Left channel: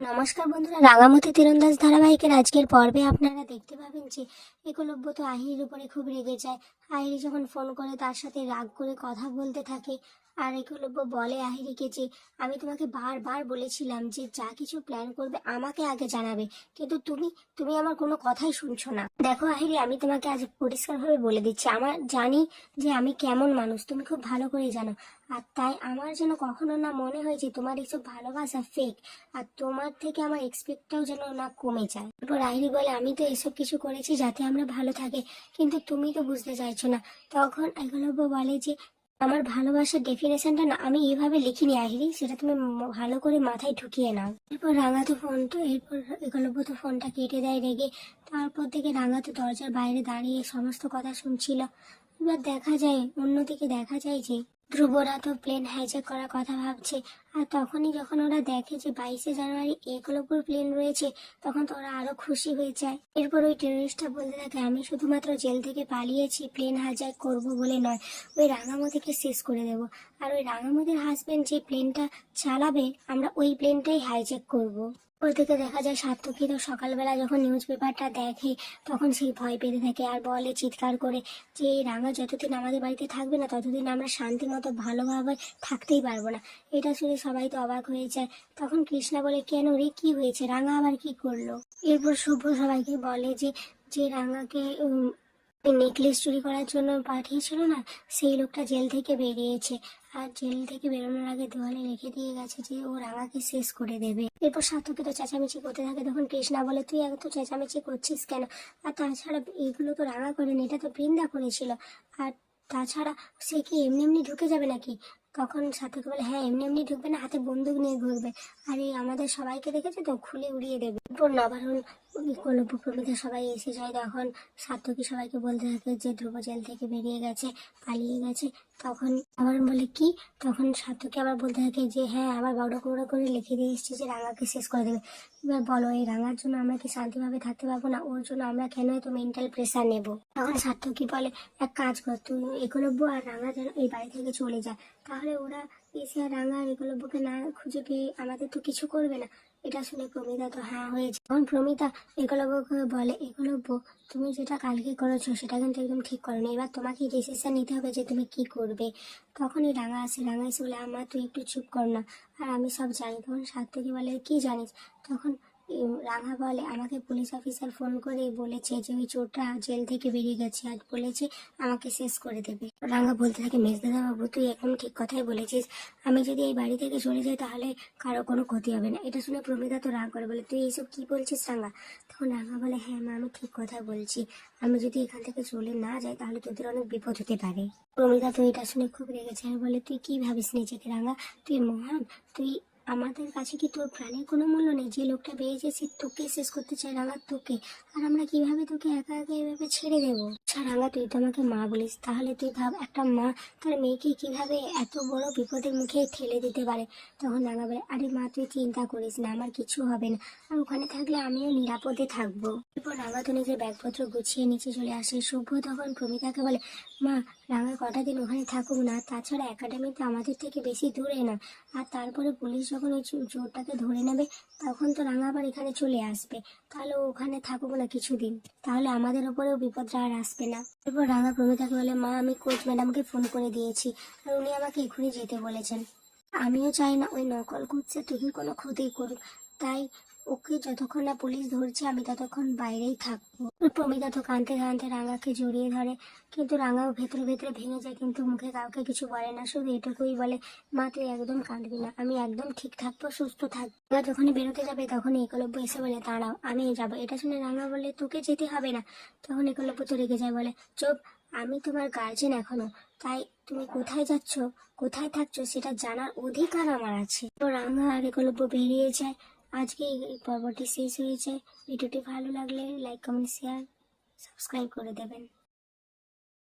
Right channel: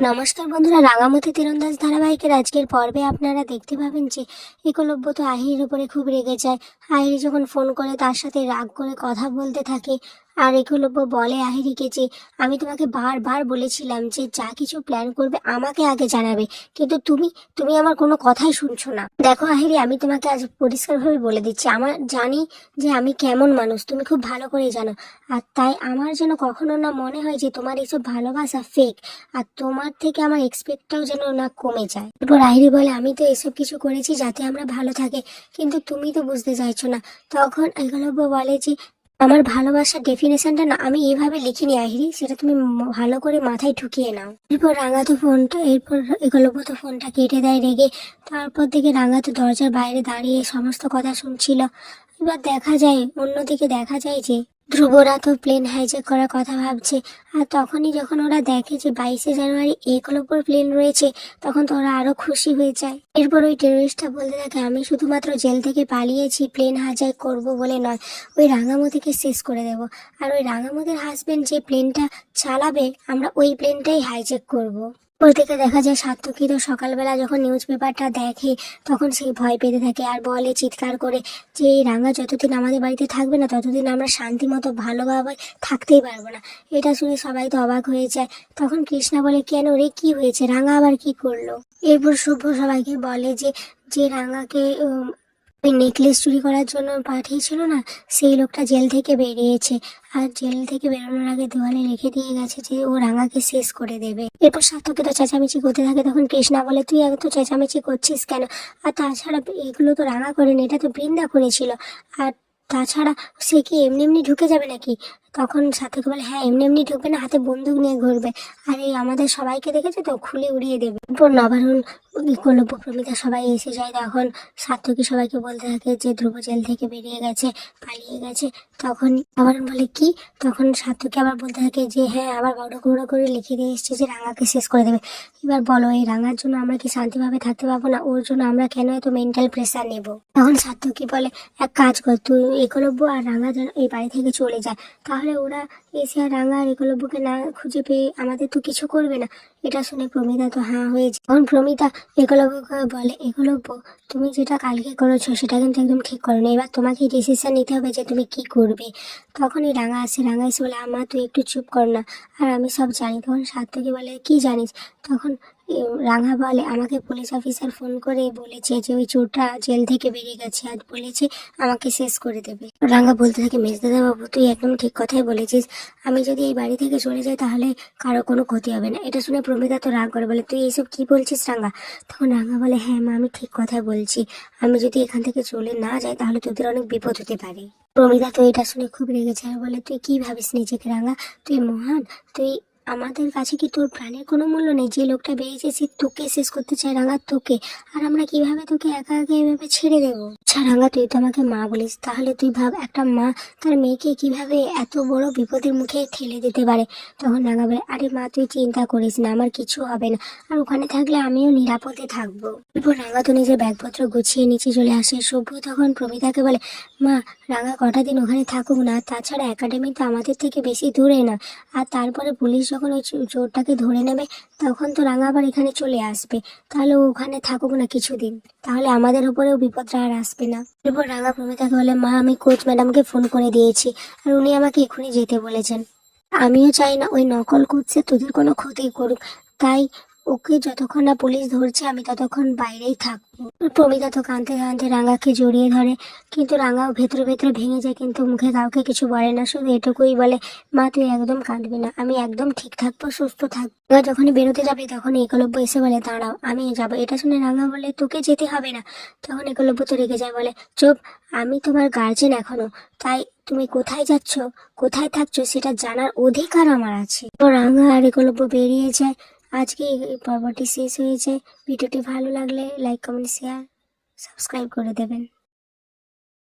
নমস্কার বন্ধুরা, রাঙামতি তীরন্দাজ ধারাবাহিকের আজকের পর্বে আপনারা দেখতে পাবেন যে একলব্য তো আহিরের উপরে খুব রেগে যায়। আহিরি যখন ফোন করে, তার সাথে রাগ করে কথা বলতে থাকে। আর একলব্য বলে আহিরিকে যে, আমি তোমাকে বারবার বলেছিলাম যে, যা কিছু প্ল্যান করবে আমাকে আগে জানাবে। কিন্তু তুমি তুমি আমার কোনো কথাই শুনছো না। দেখো আহিরি, আমি তোমাকে আজ পরিষ্কারভাবে বলে দিচ্ছি। আমার জানি যে আমি কেমন মানুষ, তুমি খুব ভালো করেই জানো। আর তাই আমার যেন কখনো না মনে হয় যে তোমার এইসব ভালোবাসা ফেক আর তোমার থেকে আমার এক্সপেক্টটাও যেন না কমে যায়। এরপর আহিরি বলে, আমি তো এসব কিছু করেছি যাতে আমরা ভালো থাকি, কিন্তু তুমি তো বুঝতে চাইছো না। তখন একলব্য বলে যে আমার ভালোবাসার ডেফিনেশনটা না, আমি এভাবে লিখিনি আহিরি, সেটা তুমি ভালো করে মাথায় ঢুকিয়ে নাও। এরপর রাঙাতো ফোনটা, এরপর তো ফোনটা কেটে দেয় রেগে। তারপর থেকে রাঙাতো দরজার বাইরে দাঁড়িয়ে সমস্ত কথা শুনছিল। এবার দেখা যায়, অন্যদিকে দেখা যায় যে ধ্রুবরা তো প্লেন হাইজ্যাক করার কথা ভাবছে। আর তখনই যখন ওরা দেখে যে বাইশে জানুয়ারি একলব্যর প্লেন রয়েছে, তখন তো ওরা আরও খুশি হয়ে যায়। এরপর ওই টেরোরিস্টটা বলতে থাকে, আমি শুধুমাত্র জেল থেকে পালিয়েছি প্লেন হাইজ্যাক করব বলে নয়। ওই রাঙামতিকে শেষ করে দেব। আর ওই রাঙামতির হাজবেন্ড যে প্লেনটা চালাবে, আমরা ওই প্লেনটাই হাইজ্যাক করব। ওর থেকে দেখা যায় সার্থকী তো সকালবেলা যখন নিউজ পেপারটা দেখে, তখন সেই ভয় পেতে থাকে আর বলে চিৎকার করে যে, এই রাঙা, যতদিন আমাদের বাড়িতে থাকবে না, ততদিন আমরা শান্তি মতো ভালোভাবে থাকতেই পারব না। এটা শুনে সবাই তো অবাক হয়ে যায়। তখন কৃষ্ণা বলে, কেন রে, কি হয়েছে? রাঙা আবার কি করল? এরপর শুভ্র সবাইকে বলে যে যে রাঙাকে ওই নেকলেস চুরি করার জন্য পাঠিয়েছিল না, সেই লোকটা জেল থেকে বেরিয়েছে। আর জেল থেকে বেরোনোর আগে দেওয়ালে রেখে দিয়ে গেছে যে ও রাঙাকে শেষ করে দেবে। এরপর সার্থকে তো চেঁচামেচি করতে থাকে, তখন কৃষ্ণা বলে, তুই এত চেঁচামেচি করছিস কেন? আর তাছাড়া এগুলো তো রাঙা করেনি এটা তো বৃন্দা করেছিল। আর তাছাড়া সে কি এমনি এমনি ঢুকে যাবে নাকি? তখন সাথীকে বলে হ্যাঁ এমনি এমনি ঢুকবে না, হাতে বন্দুক নিয়ে ঘুরবে। আর এই আমাদের সবাইকে দেখেছে তো, খুলে উড়িয়ে দেবে। এরপর নবারুণ কলব্য প্রমিতা সবাই এসে যায়। তখন সার্থকী সবাইকে বলতে থাকে যে, ধ্রুব জেল থেকে বেরিয়ে গেছে, পালিয়ে গেছে। তখন নবারুণ বলে, কি? তখন সার্থকী আবার বলতে থাকে যে হ্যাঁ আবার বড় বড় করে লিখে দিয়ে এসছে যে, রাঙাকে শেষ করে দেবে। এবার বলো, এই রাঙার জন্য আমরা কি শান্তিভাবে থাকতে পারব না? ওর জন্য আমরা কেন এত মেন্টাল প্রেশার নেব? তখন সার্থকী বলে, এক কাজ কর, তুই একলব্য আর রাঙা যেন এই বাড়ি থেকে চলে যায়। তাহলে ওরা এসে আর রাঙা আর একলব্যকে না খুঁজে পেয়ে আমাদের তো কিছু করবে না। এটা শুনে প্রমিতা তো হ্যাঁ হয়েছে তখন প্রমিতা একলব্যকে বলে, এগুলো তুমি যেটা কালকে করেছ সেটা কিন্তু একদম ঠিক করো না এবার তোমাকে ডিসিশন নিতে হবে যে তুমি কি করবে। তখনই রাঙা আসে, রাঙা এসে বলে আমার তুই একটু চুপ কর না। আর আমি সব জানি। তখন সার্থকী বলে, কি জানিস? তখন রাঙা বলে। আমাকে পুলিশ অফিসার ফোন করে বলেছে যে, ওই চোরটা জেল থেকে বেরিয়ে গেছে। আর বলেছে, আমাকে শেষ করে দেবে। রাঙা বলতে থাকে মেজদাদা বাবু তুই একদম ঠিক কথাই বলেছিস। আমি যদি এই বাড়ি থেকে চলে যাই, তাহলে কারও কোনো ক্ষতি হবে না। এটা শুনে প্রমিতা তো রাগ করে বলে, তুই এইসব কি বলছিস রাঙা? তখন রাঙা বলে হ্যাঁ মা, আমি ঠিক কথাই বলছি। আমি যদি এখান থেকে চলে না যাই, তাহলে তোদের অনেক বিপদ হতে পারে। প্রমিতা তো এটা শুনে খুব রেগেছে আর বলে, তুই কি ভাবিস নিজেকে রাঙা? তুই মহান, তুই আমাদের কাছে কি তোর প্রাণের কোনো মূল্য নেই? যে লোকটা বেরিয়েছে, সে তোকে শেষ করতে চায় রাঙা, তোকে। আর আমরা কীভাবে তোকে একা একা এভাবে ছেড়ে দেবো? আচ্ছা রাঙা, তুই তো আমাকে মা বলিস। তাহলে তুই ভাব, একটা মা তার মেয়েকে কীভাবে এত বড় বিপদের মুখে ঠেলে দিতে পারে? তখন রাঙা বলে, আরে মা, তুই চিন্তা করিস না, আমার কিছু হবে না। আর ওখানে থাকলে আমিও নিরাপদে থাকব। এরপর রাঙা তো নিজের ব্যাগপত্র গুছিয়ে নিচে চলে আসে। সভ্য তখন প্রমিতাকে বলে, মা, রাঙা কটা দিন ওখানে থাকুক না। তাছাড়া একাডেমি তো আমাদের থেকে বেশি দূরে না। আর তারপরে পুলিশ ওই চোরটাকে ধরে নেবে, তখন তো রাঙা আবার এখানে চলে আসবে। তাহলে ওখানে থাকুক না কিছুদিন। তাহলে আমাদের উপরেও বিপদটা আর আসবে না। এরপর রাঙা প্রমিতাকে বলে, মা, আমি কোচ ম্যাডামকে ফোন করে দিয়েছি, আর উনি আমাকে এক্ষুনি যেতে বলেছেন। আমিও চাই না ওই নকল করছে তোদের কোনো ক্ষতি করুক। তাই ওকে যতক্ষণ না পুলিশ ধরছে, আমি ততক্ষণ বাইরেই থাকব। প্রমিতা তো কাঁদতে কাঁদতে রাঙাকে জড়িয়ে ধরে। কিন্তু রাঙাও ভেতরে ভেতরে ভেঙে যায়, কিন্তু মুখে কাউকে কিছু বলে না। শুধু এটুকুই বলে, মা, তুই একদম কাঁদবি না। আমি একদম ঠিক থাকব, সুস্থ থাকব। রাঙা যখনই বেরোতে যাবে, তখন একলব্য এসে বলে, দাঁড়াও, আমি যাব। এটা শুনে রাঙা বলে, তোকে যেতে হবে না। তখন একলব্য তো রেগে যায়, বলে, চুপ, আমি তোমার গার্জেন এখনও। তাই তুমি কোথায় যাচ্ছ? কোথায় থাকছো? সেটা জানার অধিকার আমার আছে। তো রাঙা আর একলব্য বেরিয়ে যায়। আজকে এই পর্বটি শেষ হয়েছে। ভিডিওটি ভালো লাগলে লাইক কমেন্ট শেয়ার সাবস্ক্রাইব করে দেবেন।